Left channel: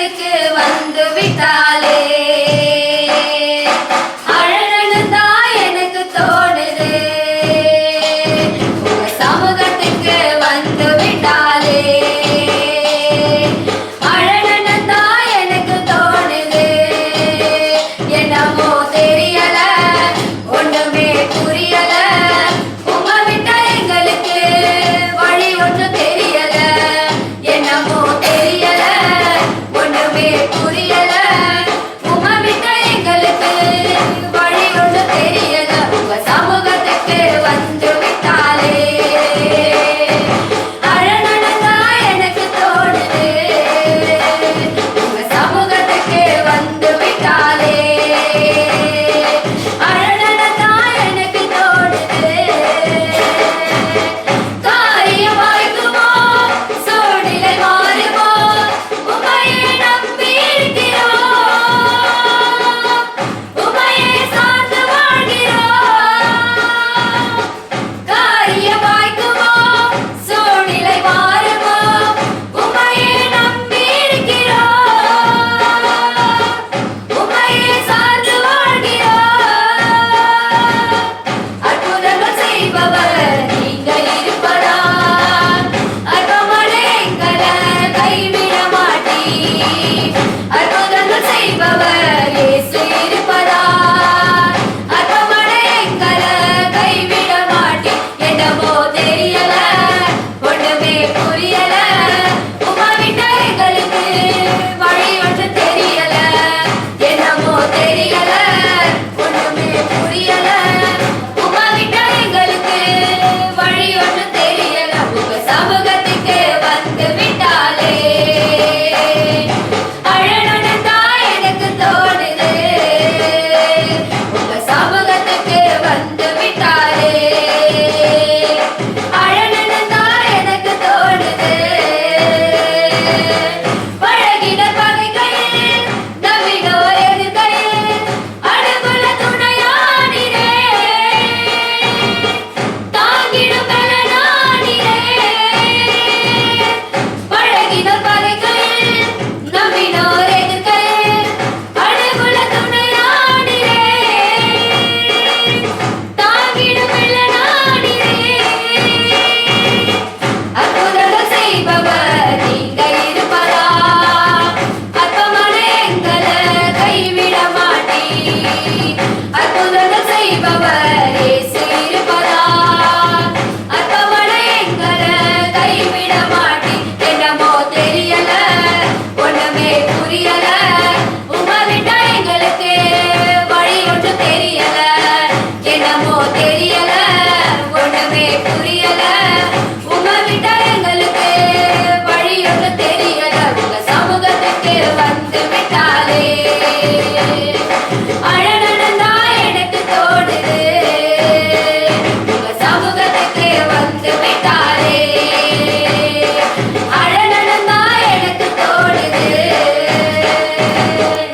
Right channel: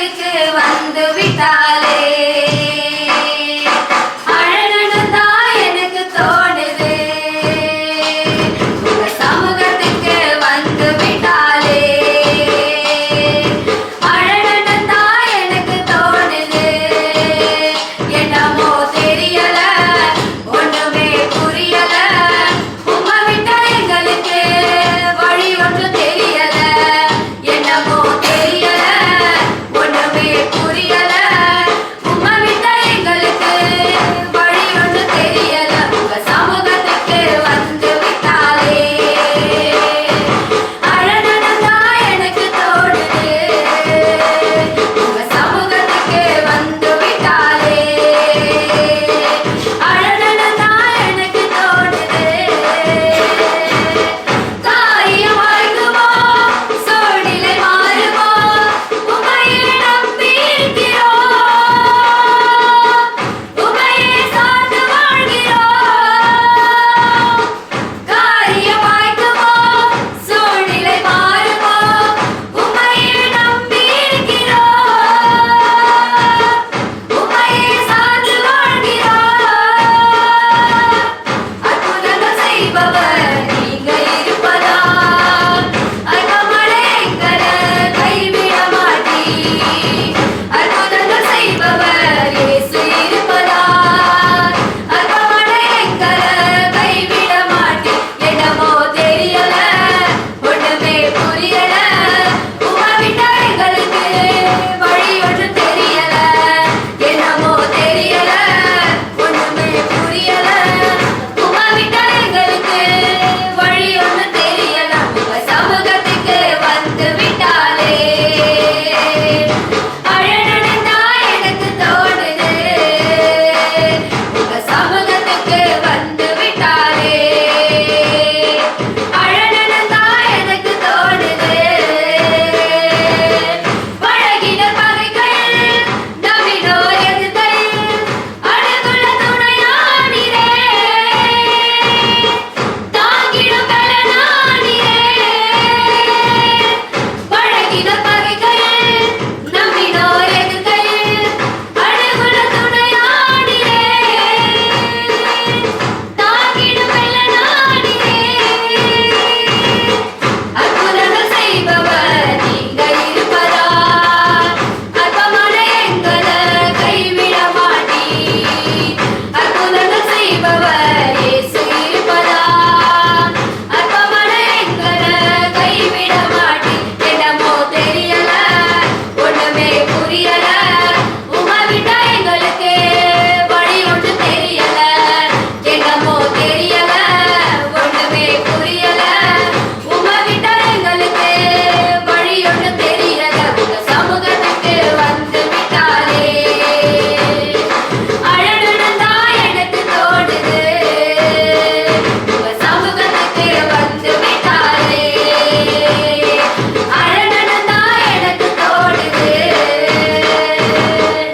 de que